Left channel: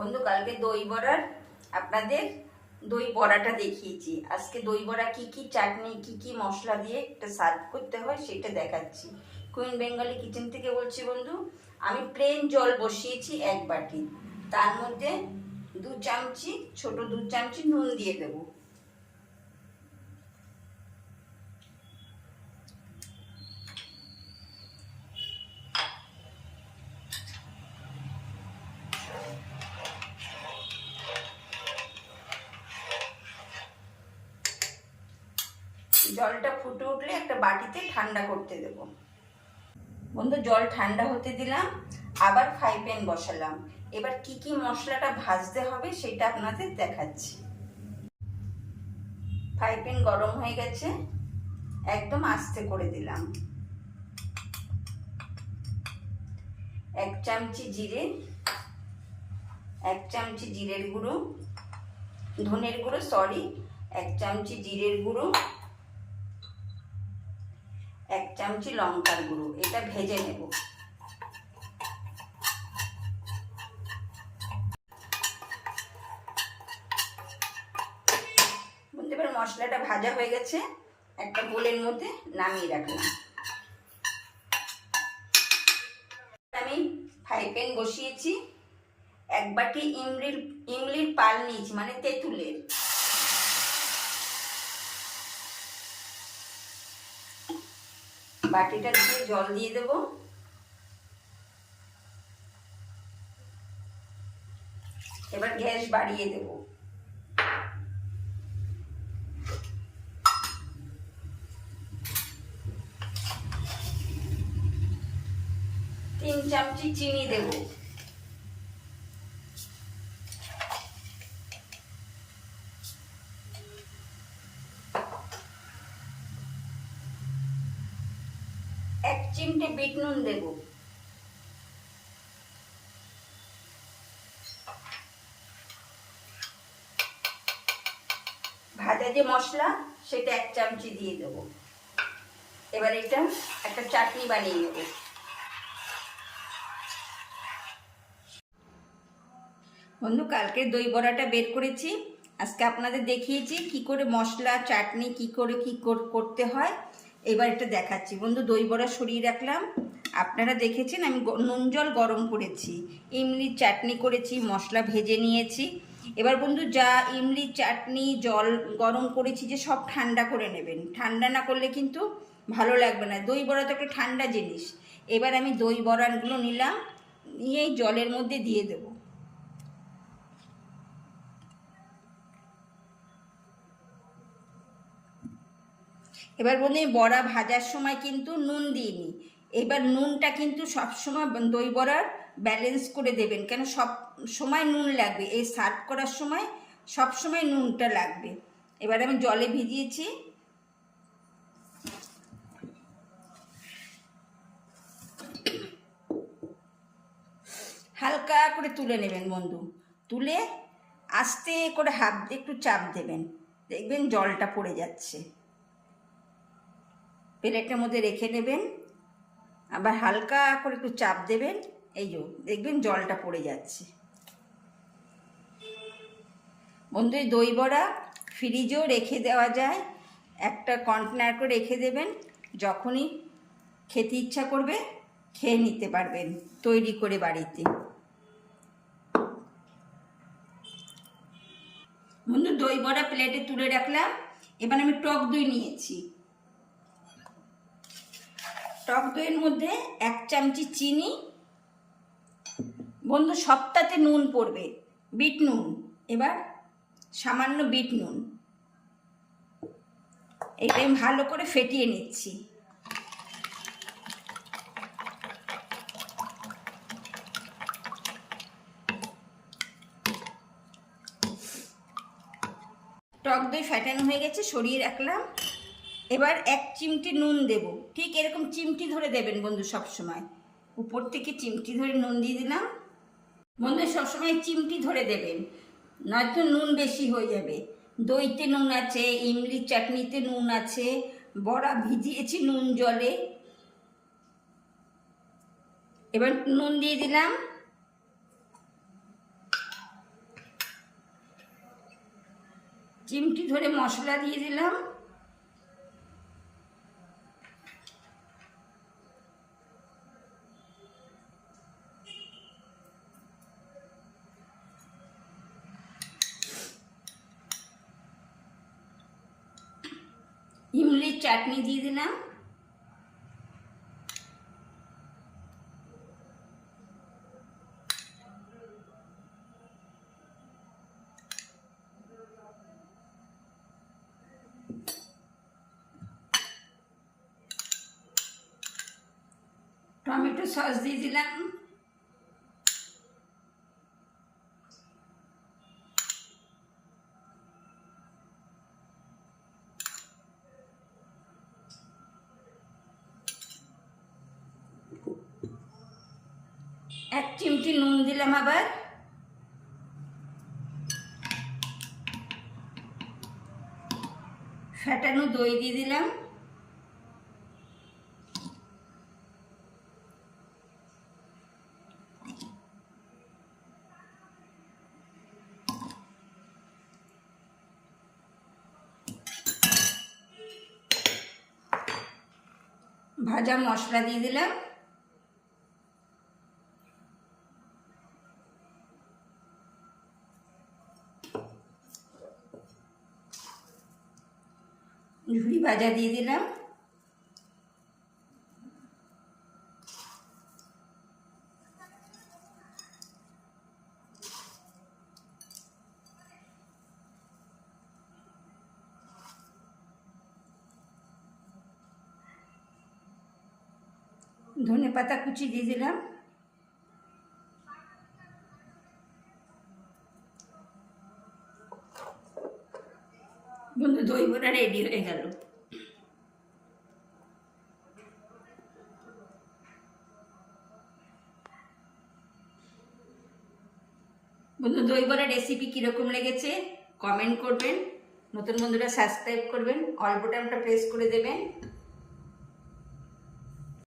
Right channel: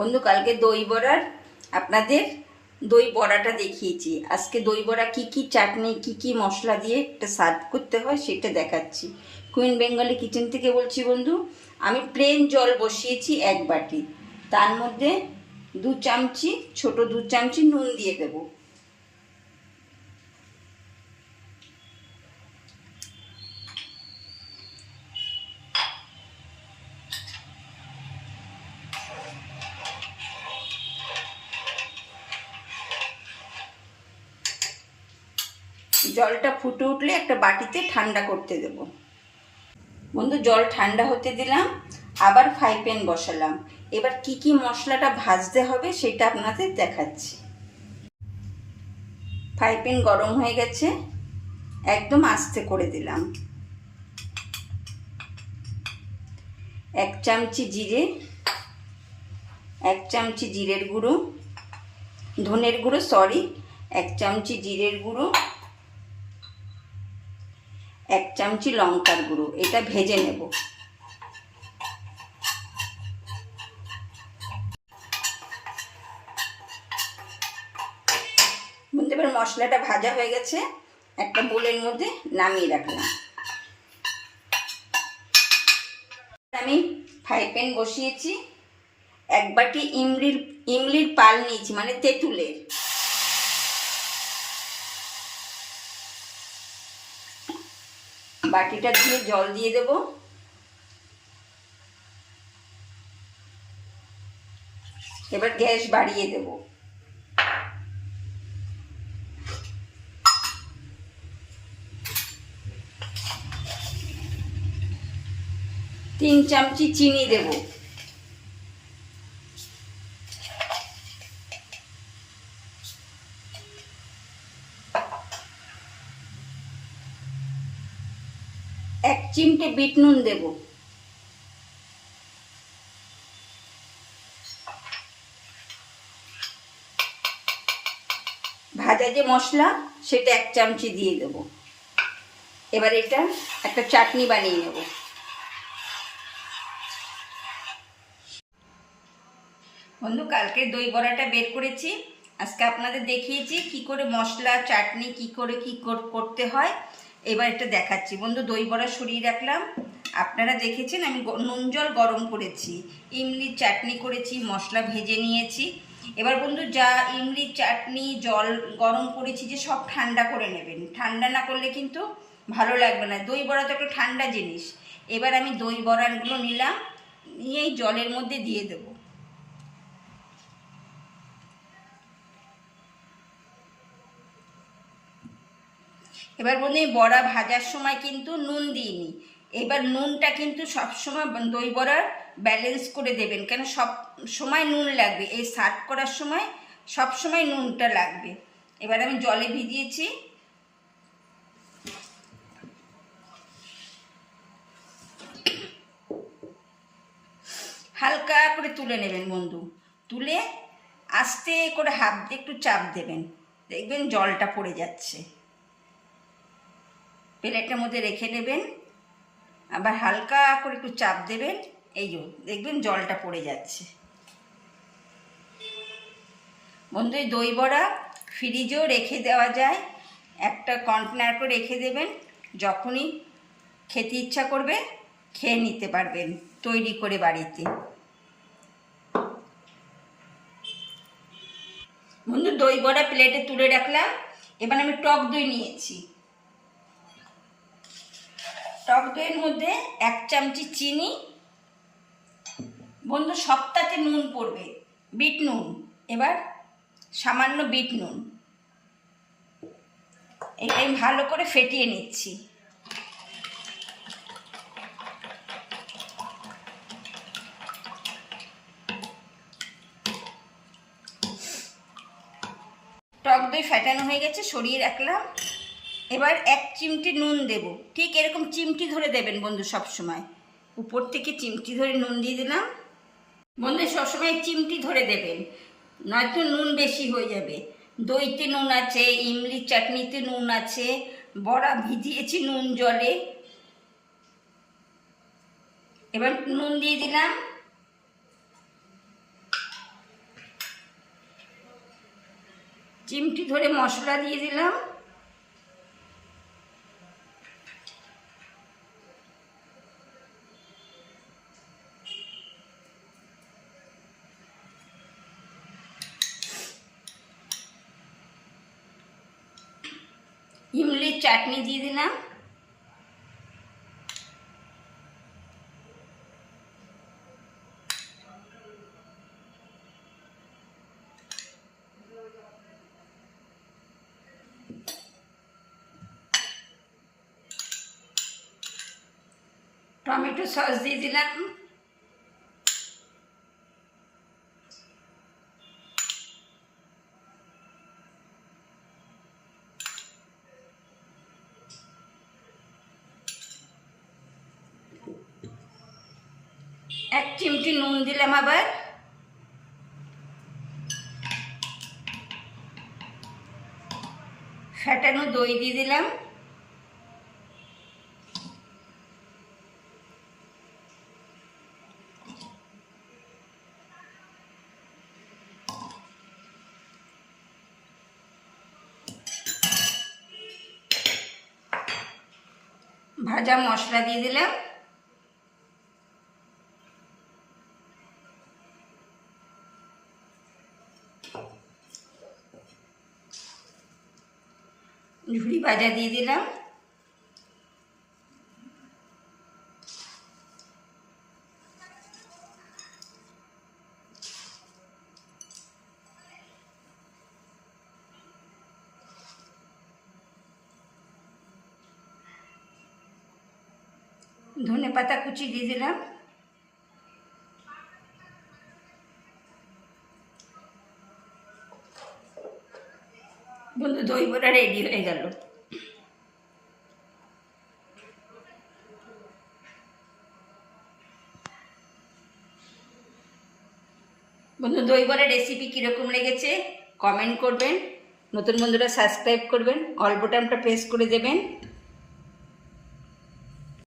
বন্ধু, কালকে দই বড়ার আপনাদের দই বড়াটা দেখিয়েছি। আজকে দই বড়া কি কি চাটনি কি কি মশলা দিয়ে একটা সার্ভ করতে হয় সেটা দেখাচ্ছি। কুইন বেঙ্গলি কিচেন থেকে বলছি বন্ধু। আমি প্লেন জল বসিয়েছি 1 বাটি, তার মধ্যে 2 চামচি ছোট 2 চামচি নুন দিয়ে দেবো। জলটা ফুটে উঠলে একটা বাটিতে ঠান্ডা করতে দেব। বন্ধু, জল ঠান্ডা হতে দিলাম, আবার ফ্রাই প্যান বসালাম। এবার কি কি মশলাটা ভাজতে হবে সেটা আপনাদের দেখাচ্ছি। ফ্রাই প্যান গরম হয়ে গেছে, একদম আস্তে করে দিলাম। 1 চামচি জিরে, 1 চামচি জিরের গুঁড়ো, ধনের গুঁড়ো 1 চামচি জিরের গুঁড়ো, 1 চামচি লঙ্কার গুঁড়ো। এটা ভেজে নেব। এবার মশলাটা ভাজা হয়ে গেছে, একটা বোলের মধ্যে নামিয়ে রাখলাম। আমি ফ্রাই প্যান বসিয়েছি, 1 বাটি ইমলির পাল নিয়েছি, মানে তেঁতুলের। বাটিটা দিয়ে জল দিয়ে দেব। এবার গ্যাস বাড়িয়ে দেব। 3 চামচি চিনি দেব। এক চিমটে বিট নুন দেব। ভাজা যে মশলা সেটা 1 চামচি দিয়ে দেব। এবার এটা একটা চাটনি বানিয়ে নেব। বন্ধু, কালকে দই বড়াটা বের করেছি, আজকে আপনাদের দেখিয়েছি কি করে মশলা চাটনি কি করে করতে হয়। এবার এটা দেখাচ্ছি। বন্ধু, দই বড়া সরিয়ে রাখলাম। আপনারা দেখেছেন আমি নুন জল গরম করেছি, ইমলির চাটনি করেছি, মশলা ভেজে নিয়েছি। এবার বন্ধু, যা ইমলির চাটনি জল গরম করেছি যে সব ঠান্ডা করে নেবেন। ঠান্ডা না করলে কিন্তু ভালো লাগবে না। দই বড়া তো একটা ঠান্ডা জিনিস। এবার আমি দই বড়াগুলো নিলাম, নিয়ে এই জলের মধ্যে দিয়ে দেবো। এবার বন্ধু, বড়া ভাজার সময় কিন্তু নুন দিইনি। এবার নুনটা কিন্তু সবসময় দই বড়ার ব্যালেন্স করে দেবেন, কেন সব সময় নুন লাগবে। এই সার্ভ করার সময় সব সময় নুনটা লাগবে। এবার আমি জলে ভিজিয়েছি, হালকা করে তুলে নেবেন বন্ধু। তুলে আস্তে করে হাত দিয়ে একটু চাপ দেবেন, দেখবেন জলটা পড়ে যাচ্ছে। প্লেটের মধ্যে রেখে নেবেন, আবার হালকা করে একটু চাপ দেবেন, এই যে দেখবেন জলটা পড়ে যাচ্ছে। বন্ধু, এই দই বড়া ফ্রিজেও রেখে দেওয়া যায়। একটা কন্টেনার করে রেখে দেবেন, যখনই খেতে ইচ্ছা করবে খেয়ে নিতে পারবেন তৈরি করে বাড়িতে। বন্ধু, দই বড়া প্লেটে তুলে রাখলাম। এবার আমি টক দই নিয়েছি। টক দইয়ের মধ্যে 1 চামচি চিনি। বন্ধু, সবটাতে নুন পড়বে, বিট নুন। এবার সামান্য বিট নুন। এটা আমি ভালো করে ফেটিয়ে নিচ্ছি। টক দই ফেটানো হয়ে গেছে, সরিয়ে রাখলাম। এবার 1 চিমটি নুন দেব। ঠিক এরকম চিমটি ধরে দেবেন বন্ধু, সব সময় উপর থেকে চিমটি ধরে নুন দিয়ে দিলাম। বন্ধু, সবসময় চিমটি ধরে দেবেন, নয়তো নুন বেশি হয়ে যাবে। দইতে নুন আছে, ইমলির চাটনিতে নুন আছে, বড়া ভিজিয়েছি নুন জলে। এবার নুন দিয়ে দিলাম। চিমটি ধরে মশলা দিয়ে দিলাম। ইমলির চাটনি দিয়ে দিলাম। টমেটো সস দিয়ে দিলাম। এক চিমটি নুন দিলাম আবার। ফেটানো দই দিয়ে দিলাম। ভাজা মশলা দিয়ে দিলাম। ঝুড়ি ভাজা দিয়ে দিলাম। ধনেপাতা কুচি দিয়ে দিলাম। বন্ধু দই বড়া রেডি হয়ে গেল। বন্ধু দই বড়া রেসিপি কীরকম লেগেছে কমেন্ট করবেন। নতুন বন্ধুরা সাবস্ক্রাইব করবেন, অল বাটনটা প্রেস করে দেবেন।